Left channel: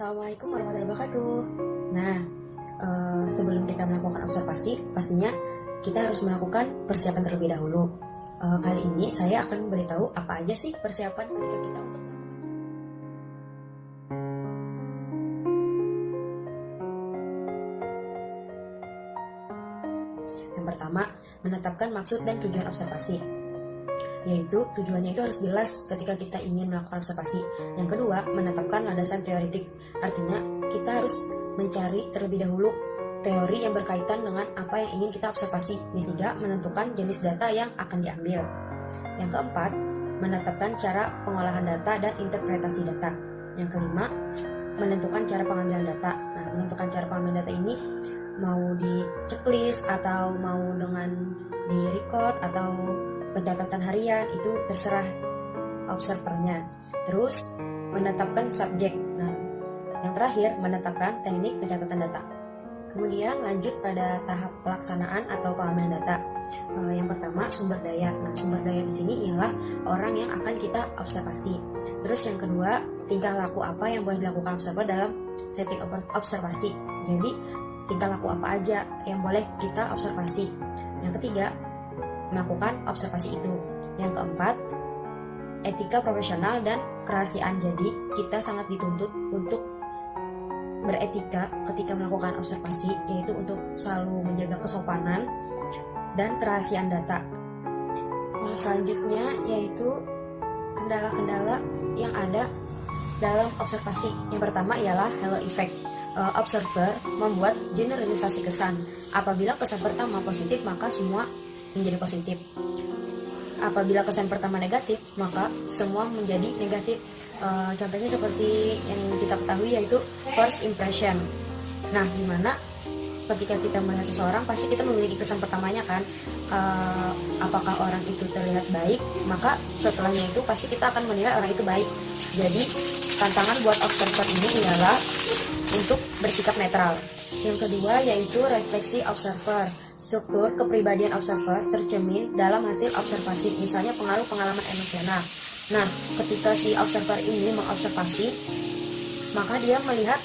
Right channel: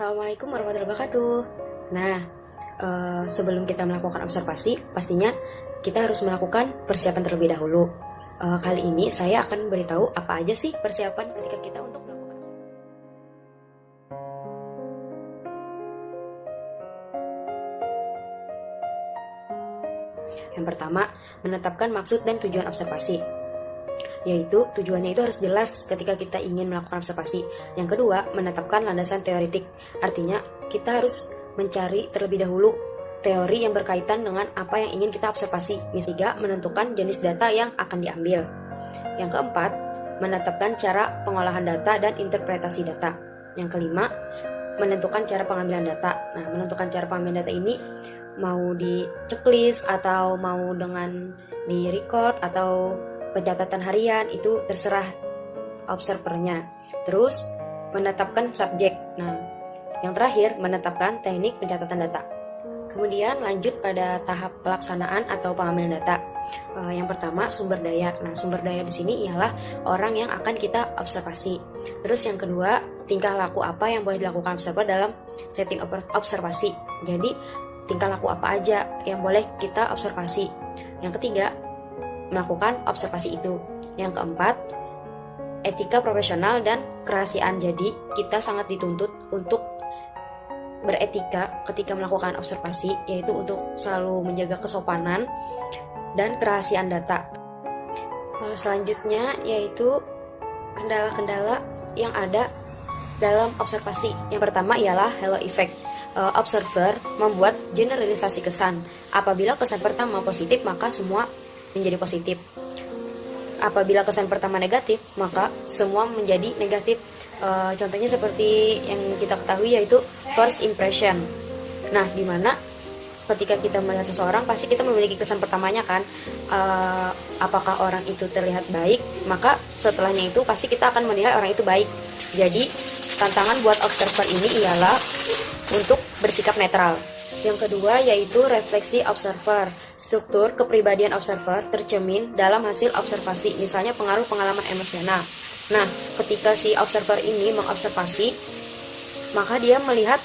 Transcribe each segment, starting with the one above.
Assalamualaikum warahmatullahi wabarakatuh. Nah, sebelum kita melakukan observasi, pastinya kita harus melakukan persiapan terlebih dahulu. Kali ini saya akan beritahu apa aja sih persiapan ketika kita untuk melakukan observasi. Yang pertama, menetapkan maksud dan tujuan observasi, yaitu tujuannya itu harus jelas ketika kita ingin melakukan observasi. Yang kedua, menetapkan landasan teoretik, artinya kita harus mencari terlebih dahulu teori yang berkaitan dengan apa yang ingin kita observasi. Ketiga, menentukan jenis data yang akan diambil. Yang keempat, menetapkan cara pengolahan data dan interpretasi data. Yang kelima, menentukan cara pengambilan data. Nah, menentukan cara pengambilan data ini mau di checklist atau mau dengan di record atau pencatatan harian, itu terserah observernya. Terus menetapkan subjek. Nah, yang terakhir menetapkan teknik pencatatan data. Kemudian lanjut pada tahap pelaksanaan atau pengambilan data. Yang pertama, sumber daya. Nah, sumber daya di sini ialah orang yang akan kita observasi. Terus yang kedua, tingkah laku apa yang boleh dilakukan observer dalam setting observasi. Jadi tingkah laku apa aja yang boleh kita observasi. Yang ketiga, melakukan observasi itu. Yang keempat, etika profesional dan kerahasiaan. Jadi kita sangat dituntut untuk beretika ketika melakukan observasi, yaitu untuk selalu menjaga kesopanan dan kerahasiaan data. Selanjutnya yaitu kendala-kendala yang ada dalam observasi. Yang pertama ialah halo effect. Observer membuat generalisasi kesan. Apabila kesan pertama positif, maka semua menjadi positif. Apabila kesan pertama negatif, maka semua menjadi negatif. Contohnya seperti yang kita ketahui, yaitu first impression. Nah, dimana ketika kita melihat seseorang, pasti kita memiliki kesan pertamanya kan. Apakah orang itu terlihat baik, maka setelahnya itu pasti kita akan menilai orang itu baik. Jadi tantangan buat observer ini ialah untuk bersikap netral. Yang kedua yaitu refleksi observer. Struktur kepribadian observer tercermin dalam hasil observasi, misalnya pengaruh pengalaman emosional. Nah, ketika si observer ini mengobservasi, maka dia melihat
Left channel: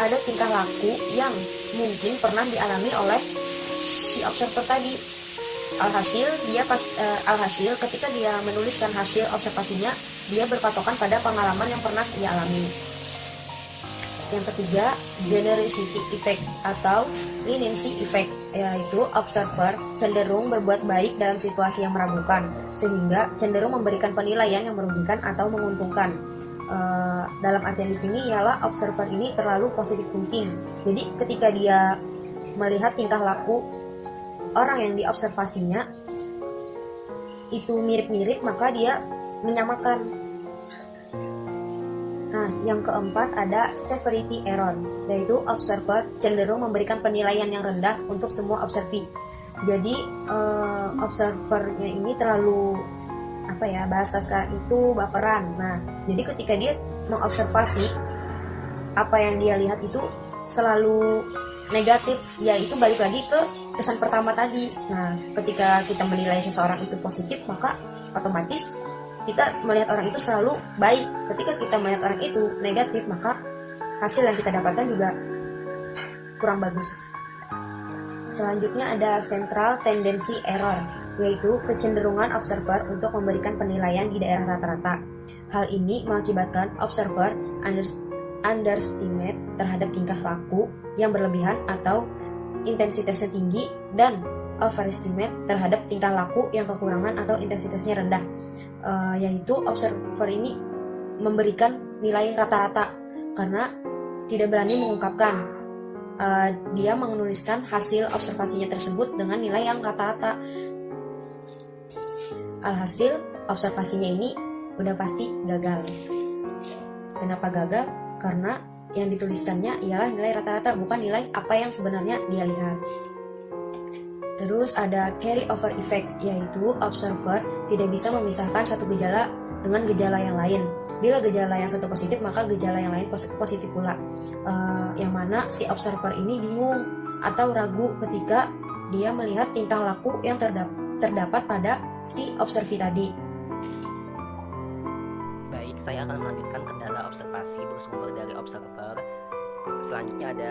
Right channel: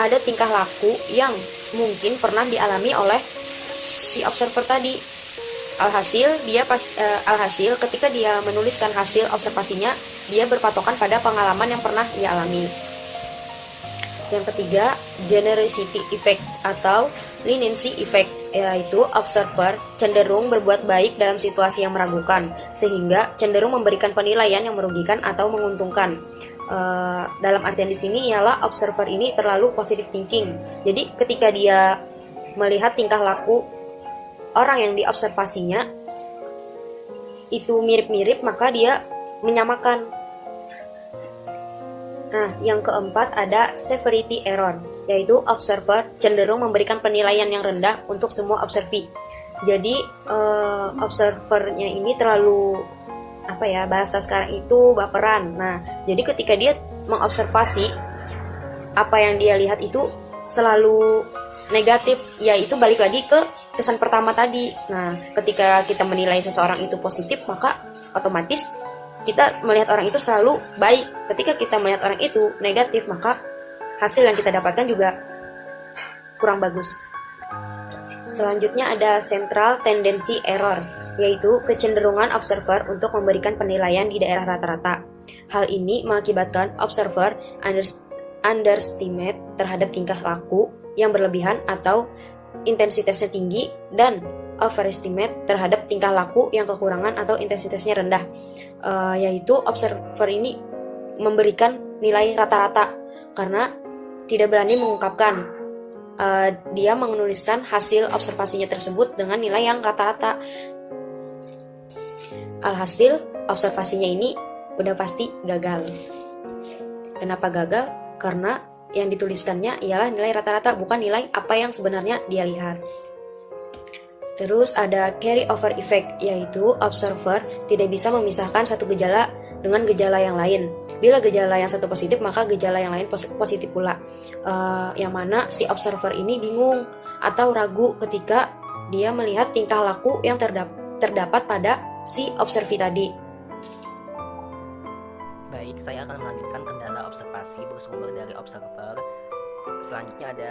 ada tingkah laku yang mungkin pernah dialami oleh si observer tadi. Alhasil ketika dia menuliskan hasil observasinya, dia berpatokan pada pengalaman yang pernah ia alami. Yang ketiga, generosity effect atau leniency effect, yaitu observer cenderung berbuat baik dalam situasi yang meragukan, sehingga cenderung memberikan penilaian yang merugikan atau menguntungkan. Dalam artian di sini ialah observer ini terlalu positive thinking. Jadi ketika dia melihat tingkah laku orang yang diobservasinya itu mirip-mirip, maka dia menyamakan. Nah, yang keempat ada severity error, yaitu observer cenderung memberikan penilaian yang rendah untuk semua observee. Jadi observernya ini terlalu bahasa sekarang itu baperan. Nah, jadi ketika dia mengobservasi, apa yang dia lihat itu selalu negatif, yaitu balik lagi ke kesan pertama tadi. Nah, ketika kita menilai seseorang itu positif, maka otomatis kita melihat orang itu selalu baik. Ketika kita melihat orang itu negatif, maka hasil yang kita dapatkan juga kurang bagus. Selanjutnya ada central tendency error, yaitu kecenderungan observer untuk memberikan penilaian di daerah rata-rata. Hal ini mengakibatkan observer underestimate terhadap tingkah laku yang berlebihan atau intensitasnya tinggi, dan overestimate terhadap tingkah laku yang kekurangan atau intensitasnya rendah. Yaitu observer ini memberikan nilai rata-rata karena tidak berani mengungkapkan. Dia menuliskan hasil observasinya tersebut dengan nilai yang rata-rata. Alhasil observasinya ini udah pasti gagal. Kenapa gagal? Karena yang dituliskannya ialah nilai rata-rata, bukan nilai apa yang sebenarnya dia lihat. Terus ada carry over effect, yaitu observer tidak bisa memisahkan satu gejala dengan gejala yang lain. Bila gejala yang satu positif, maka gejala yang lain positif pula. Yang mana si observer ini bingung atau ragu ketika dia melihat tingkah laku yang terdapat pada si observee tadi. Baik, saya akan melanjutkan kendala observasi bersumber dari observer. Selanjutnya ada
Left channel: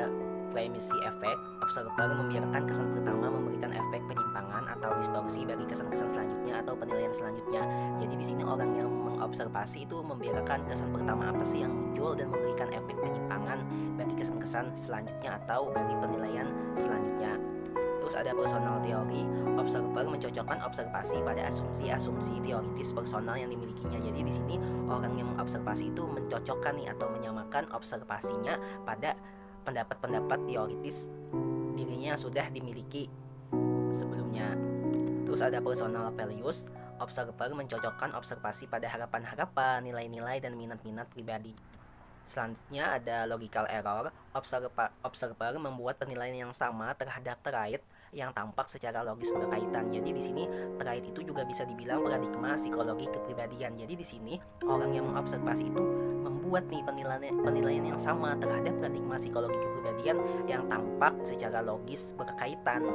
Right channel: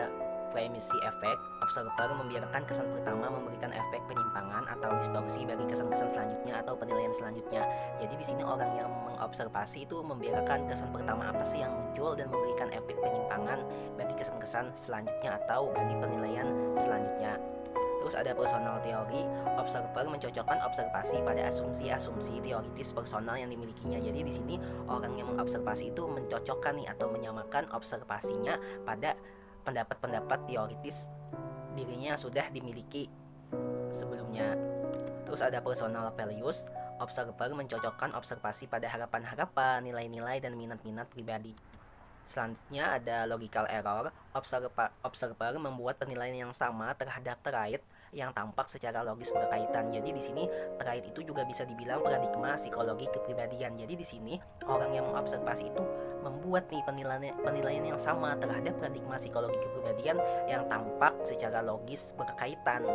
primacy effect. Observer membiarkan kesan pertama memberikan efek penyimpangan atau distorsi bagi kesan-kesan selanjutnya atau penilaian selanjutnya. Jadi di sini orang yang mengobservasi itu membiarkan kesan pertama apa sih yang muncul dan memberikan efek penyimpangan bagi kesan-kesan selanjutnya atau bagi penilaian selanjutnya. Terus ada personal teori. Observer mencocokkan observasi pada asumsi-asumsi teoritis personal yang dimilikinya. Jadi di sini orang yang mengobservasi itu mencocokkan nih atau menyamakan observasinya pada pendapat-pendapat teoritis dirinya yang sudah dimiliki sebelumnya. Terus ada personal values. Observer mencocokkan observasi pada harapan-harapan, nilai-nilai, dan minat-minat pribadi. Selanjutnya ada logical error. Observer membuat penilaian yang sama terhadap trait yang tampak secara logis berkaitan. Jadi di sini trait itu juga bisa dibilang paradigma psikologi kepribadian. Jadi di sini orang yang mengobservasi itu membuat nih penilaian yang sama terhadap paradigma psikologi kepribadian yang tampak secara logis berkaitan.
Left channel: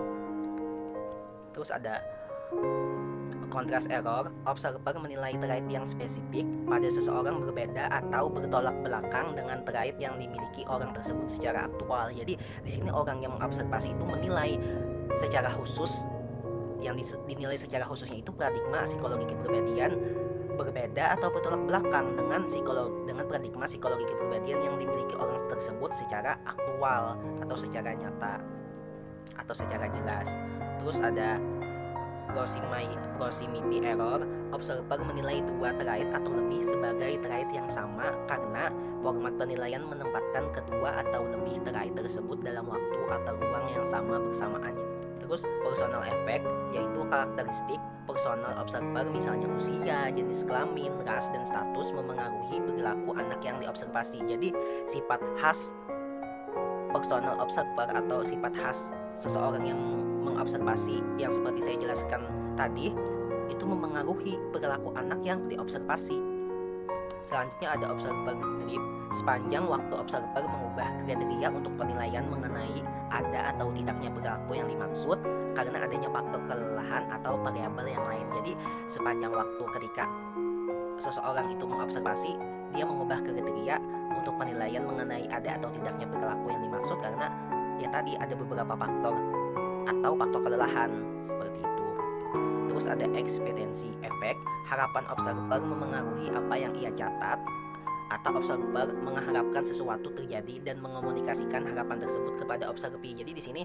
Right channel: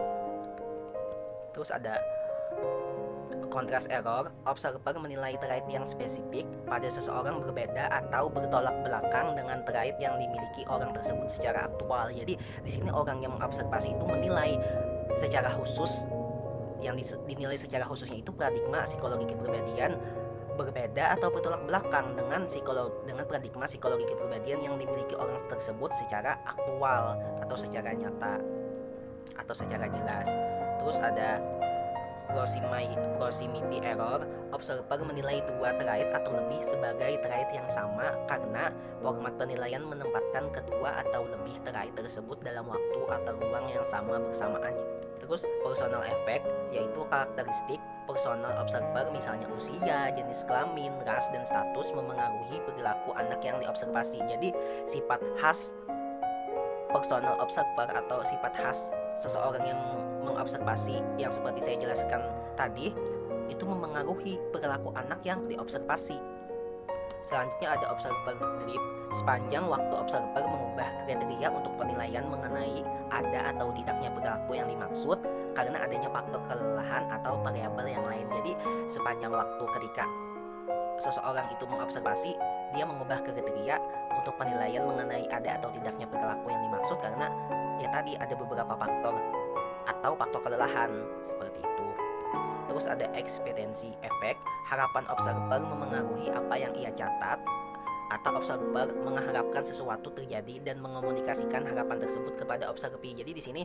Terus ada contrast error. Observer menilai trait yang spesifik pada seseorang berbeda atau bertolak belakang dengan trait yang dimiliki orang tersebut secara aktual. Jadi di sini orang yang mengobservasi itu menilai secara khusus, yang dinilai secara khususnya itu paradigma psikologi kepribadian berbeda atau bertolak belakang dengan paradigma psikologi kepribadian yang dimiliki orang tersebut secara aktual atau secara nyata atau secara jelas. Terus ada proximity error. Observer menilai dua trait atau lebih sebagai trait yang sama karena format penilaian menempatkan kedua atau lebih trait tersebut dalam waktu atau ruang yang sama bersamaannya. Terus personal effect, yaitu karakteristik personal observer, misalnya usia, jenis kelamin, ras, dan status memengaruhi perilaku anak yang diobservasi. Jadi sifat khas personal observer atau sifat khas seseorang yang mengobservasi yang seperti saya jelaskan tadi itu memengaruhi perilaku anak yang diobservasi. Selanjutnya ada observer drift. Sepanjang waktu observer mengubah kriteria untuk penilaian mengenai ada atau tidaknya perilaku yang dimaksud karena adanya faktor kelelahan atau variabel yang lain. Jadi sepanjang waktu ketika seseorang itu mengobservasi, dia mengubah kriteria untuk penilaian mengenai ada atau tidaknya perilaku yang dimaksud karena ya tadi ada beberapa faktor atau faktor kelelahan seperti itu. Terus ada expectancy effect. Harapan observer memengaruhi apa yang ia catat atau observer mengharapkan sesuatu terjadi dan mengomunikasikan harapan tersebut kepada observi. Jadi di sini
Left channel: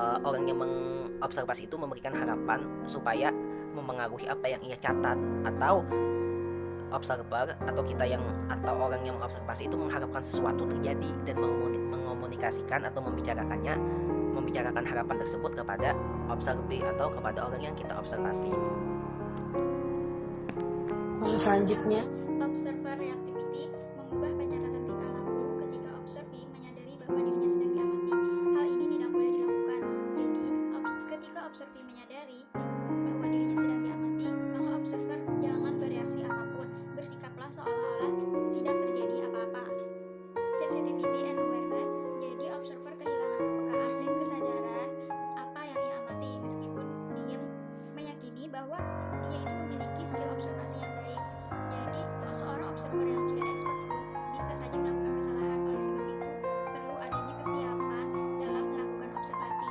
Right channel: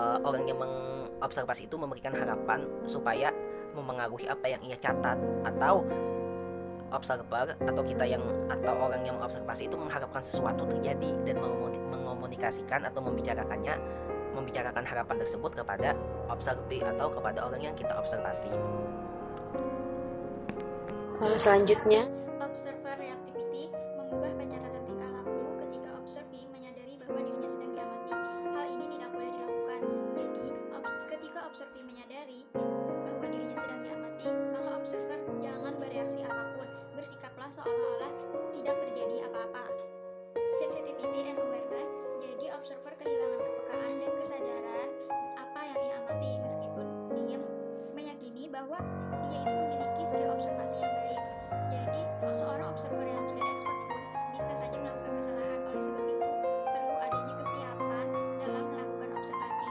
orang yang mengobservasi itu memberikan harapan supaya memengaruhi apa yang ia catat, atau observer atau orang yang mengobservasi itu mengharapkan sesuatu terjadi dan mengomunikasikan atau membicarakan harapan tersebut kepada observi atau kepada orang yang kita observasi. Selanjutnya, observer reactivity mengubah pencatatan tingkah laku ketika observi menyadari bahwa dirinya sedang diamati. Hal ini tidak boleh dilakukan. Jadi, ketika observi menyadari bahwa dirinya sedang diamati, maka observer jangan bereaksi apapun. Bersikaplah seolah-olah tidak terjadi apa-apa. Sensitivity and awareness. Jadi, observer kehilangan kepekaan dan kesadaran apa yang ia amati, meskipun dia meyakini bahwa dia itu memiliki skill observasi yang baik. Jadi, seorang observer yang sudah expert pun bisa saja melakukan kesalahan. Oleh sebab itu, perlu adanya kesiapan dalam melakukan observasi.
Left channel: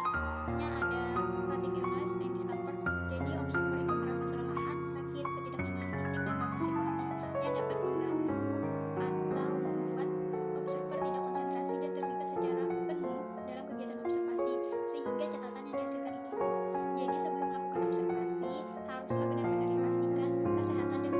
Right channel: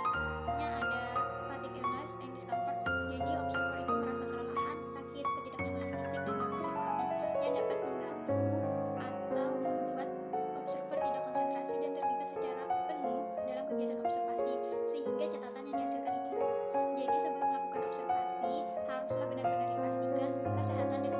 Ada fatigue illness and discomfort. Jadi, observer itu merasa kelelahan, sakit, ketidaknyamanan fisik, dan gangguan psikologis yang dapat mengganggu atau membuat observer tidak konsentrasi dan terlibat secara penuh dalam kegiatan observasi, sehingga catatan yang dihasilkan itu buruk. Jadi, sebelum melakukan observasi, haruslah benar-benar dipastikan kesehatan dan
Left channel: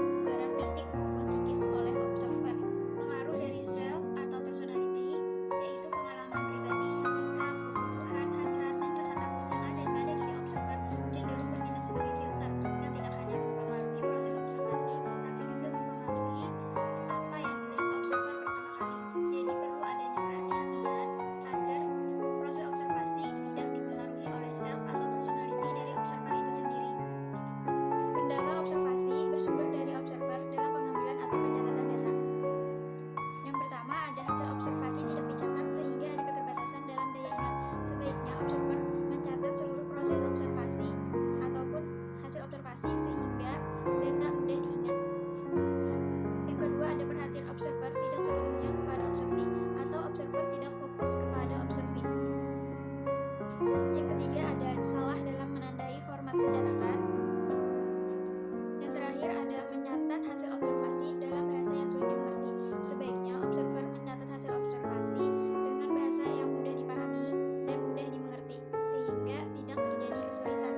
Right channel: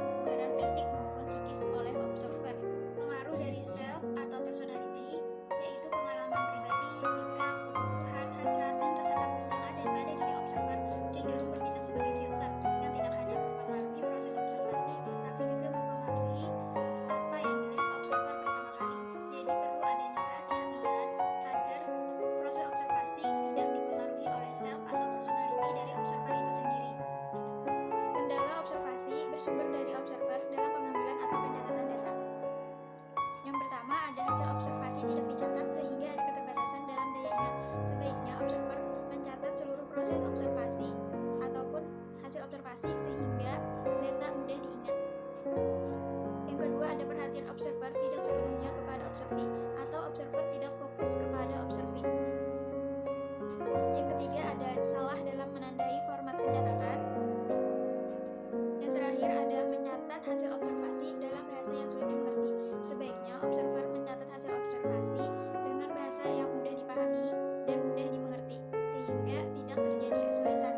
ada perhatian observer tidak sepenuhnya kepada observee, atau observer tidak fokus kepada observee. Yang ketiga ada salah dalam menandai format pencatatan. Yang terakhir ada mencatat hasil observasi dalam bahasa yang sulit dimengerti. Sebaiknya observer mencatat hasil observasi dengan bahasa yang mudah dipahami dan mudah dimengerti, sehingga tidak terjadi kesulitan.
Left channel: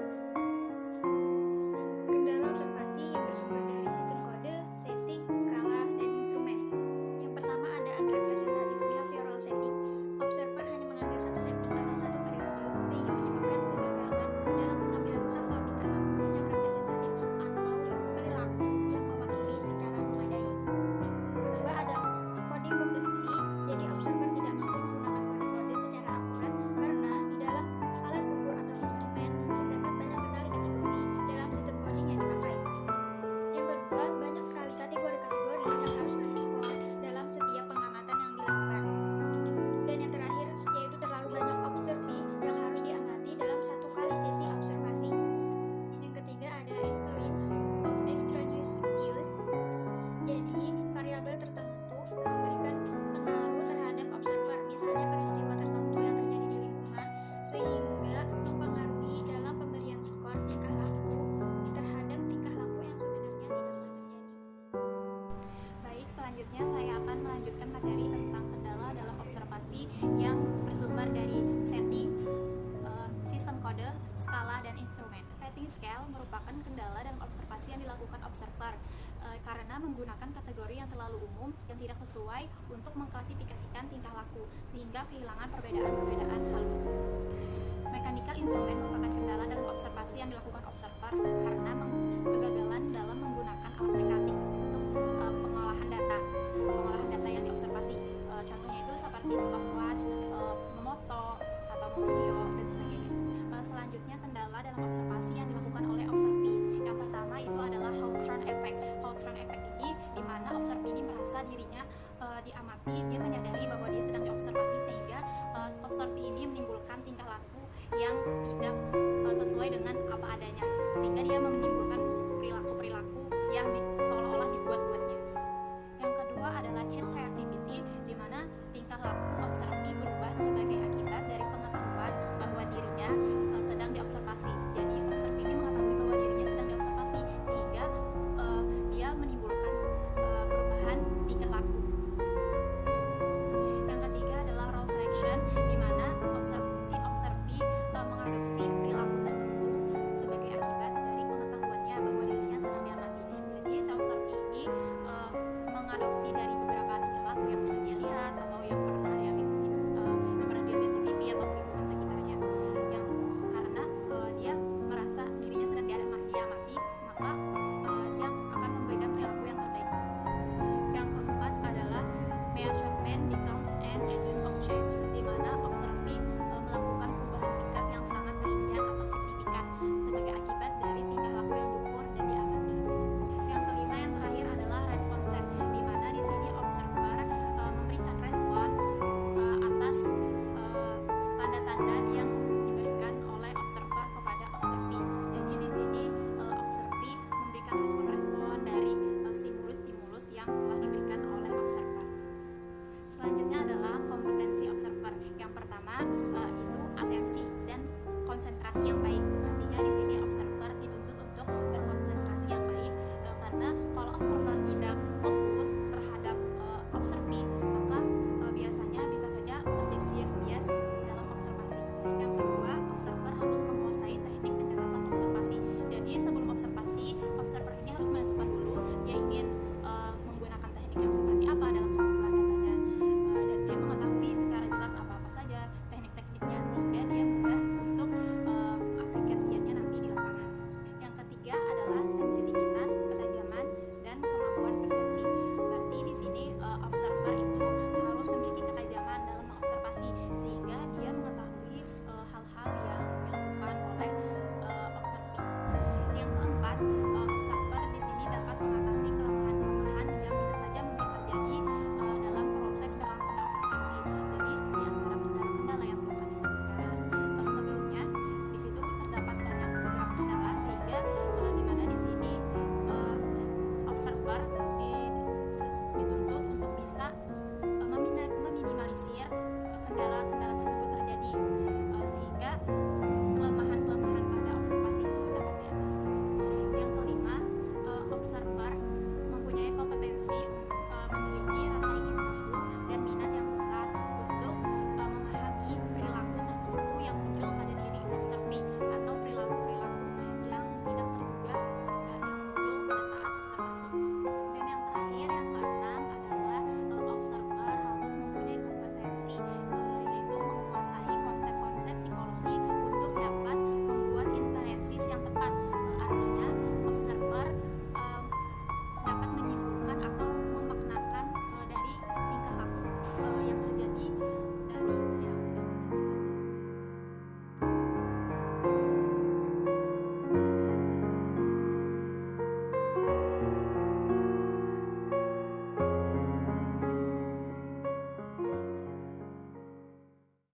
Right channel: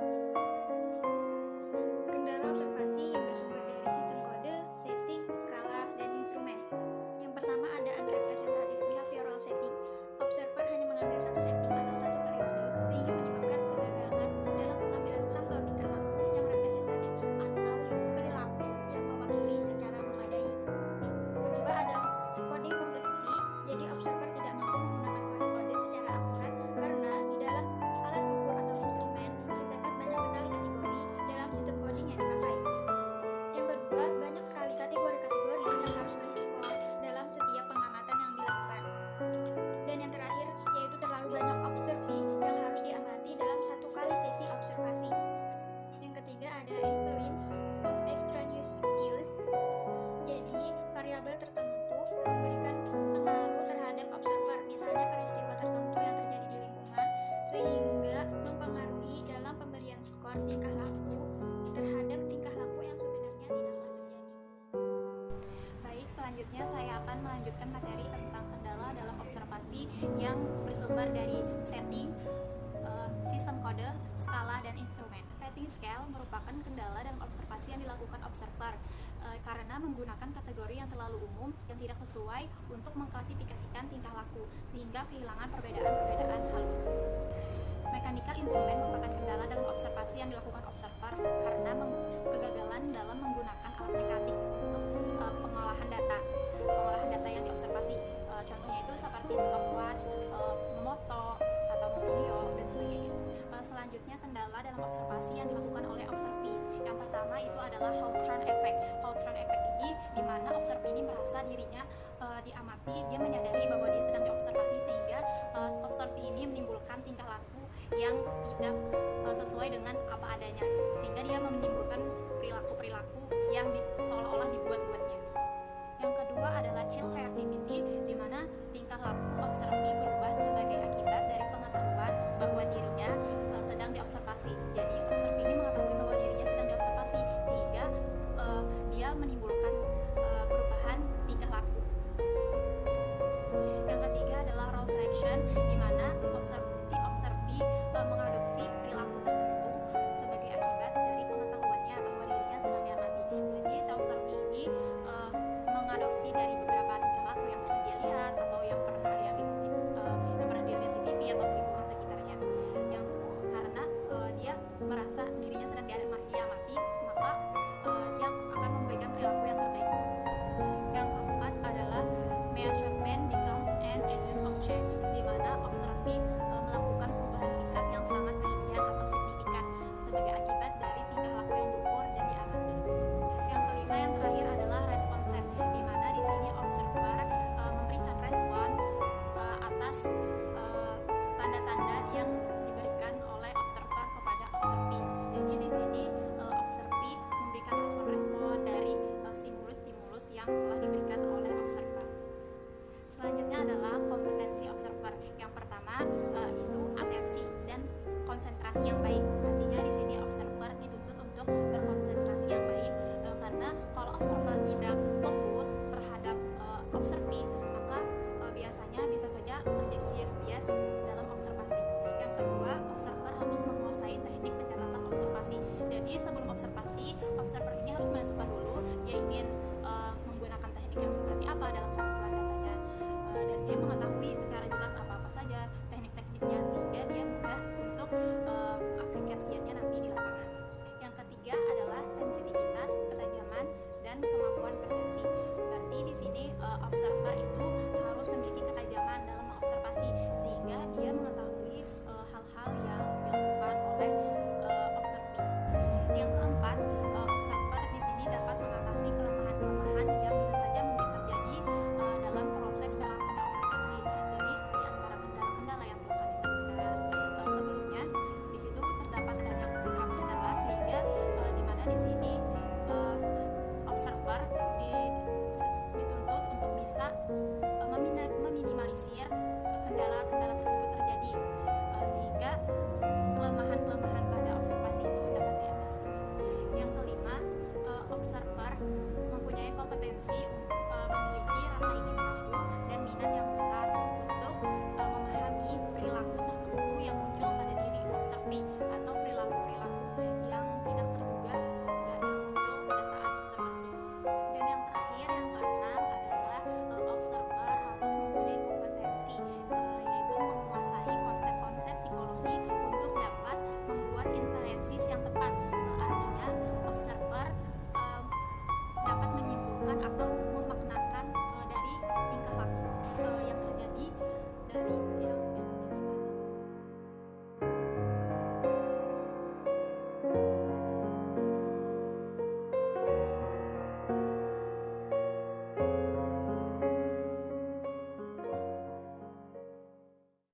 Kendala observasi yang bersumber dari sistem kode, setting, skala, dan instrumen. Yang pertama ada unrepresentative behavioral setting. Observer hanya mengambil satu setting atau satu periode, sehingga menyebabkan kegagalan dalam pengambilan sampel tingkah laku yang representatif atau perilaku yang mewakili secara memadai. Kedua ada coding complexity, jadi observer tidak mampu menggunakan kode-kode secara akurat karena di dalam alat ukur atau instrumen terdapat banyak sekali kategori dalam sistem coding yang dipakai. Yang kedua, banyak sekali kategori-kategori yang harus diskor dalam setiap pengamatan yang dilakukan. Dan yang terakhir, yaitu terlalu banyak observee yang harus diamati dalam satu kali sesi observasi. Yang ketiga ada influence of extraneous cues, jadi variabel tertentu memberikan pengaruh terhadap observer, misalnya peristiwa tertentu yang terjadi di lingkungan, sehingga mempengaruhi dalam pemberian skor tingkah laku terhadap tingkah laku yang sebenarnya tidaklah terjadi. Baik, selanjutnya saya akan melanjutkan materi tentang kendala dalam observasi yang bersumber dari setting, sistem kode, skala, dan instrumen. Rating scale merupakan kendala dalam observasi yang dilakukan observer karena menggunakan kategori yang terlalu umum yang tidak sesuai untuk mengklasifikasikan tingkah laku, sehingga kehilangan perbedaan-perbedaan halus. Mechanical instrument merupakan kendala dalam observasi yang dilakukan observer karena kegagalan dalam menggunakan alat mekanik untuk pengolahan data yang diobservasi. Contohnya itu seperti stopwatch, memoto, atau video, dan sebagainya. Selanjutnya kendala dalam observasi yang dilakukan oleh observee. Yang pertama itu adalah Hawthorne effect. Hawthorne effect ini di mana observee ini merasa dirinya diamati, dia menyadari bahwa dia sedang diobservasi, sehingga observee ini menimbulkan tingkah laku yang tidak sesuai dengan apa adanya, sehingga dia menimbulkan perilaku-perilaku yang seolah-olah dibuat-buatnya. Yang kedua adalah chill reactivity, di mana tingkah laku observee berubah sebagai akibat dari pengetahuan bahwa dirinya sedang diobservasi. Jadi observee ini mengetahui bahwa dirinya sedang diobservasi, sehingga dia menimbulkan perubahan tingkah laku. Yang ketiga adalah role selection, di mana observee mengadopsi perilaku tertentu sebagai akibat dari pengetahuannya bahwa dirinya sedang diamati. Jadi si observee ini mengadopsi dari beberapa tingkah laku yang pernah dia lihat atau yang pernah dia lihat di TV atau lingkungan sekitarnya. Yang karena dia merasa dirinya sedang diamati, maka dia akan memberikan perilaku yang terbaik. Yang keempat adalah measurement becomes an agent of change, di mana observee melakukan perubahan sikap yang sangat berlebihan atau signifikan sebagai akibat dari tingkah laku yang diukur dan diamati. Yang kelima, yang terakhir adalah response set, di mana di sini observer memberikan respon atas tanda-tanda yang diberikan oleh observer kepada observee. Jadi di sini observee memberikan respon-respon dari stimulus-stimulus yang telah diberikan oleh observer. Selanjutnya adalah kompetensi observer. Yang pertama itu atensi dan konsentrasi yang baik. Artinya di sini observer dituntut untuk berkonsentrasi yang baik, karena kalau observer tidak fokus terhadap observee, maka biasanya bisa saja terjadi bias-bias dalam observasi. Yang kedua, observer harus menguasai teknik pencatatan observasi. Jadi sebelum observasi, observer ini harus menentukan dulu dia ingin menggunakan teknik yang seperti apa dalam pengumpulan datanya, dan dia mengetahui secara jelas apa-apa saja teknik-tekniknya, sehingga dia mudah untuk aplikasiannya nanti di lapangan. Yang ketiga adalah sensitivitas, ketajaman, dan kemampuan persepsi. Berarti di sini observer itu harus memiliki ketajaman dalam mengobservasi, sehingga dia mengetahui hal-hal yang dilakukan oleh observee. Yang keempat, observer di sini dapat mengatasi kelemahan-kelemahan yang bisa saja mungkin terjadi dalam proses berlangsungnya observasi. Jadi di antara kendala-kendala yang telah kami sebutkan sebelumnya, di situ terdapat beberapa kendala, sehingga di mana di sini observer dituntut meminimalisir kendala-kendala tersebut terjadi, sehingga kelemahan-kelemahan pada observasi itu dapat diatasi. Yang kelima, observer mempunyai kompetensi memiliki rasa ingin tahu dan minat yang besar untuk memahami perilaku tertentu yang muncul pada diri observee atau perilaku-perilaku yang tidak terduga yang muncul pada saat observasi. Dan yang terakhir, yang keenam adalah observer harus mempunyai kompetensi yaitu menguasai konsep-konsep psikologi untuk dapat membuat inferensi yang tepat. Artinya observer dapat menyimpulkan atau memaknakan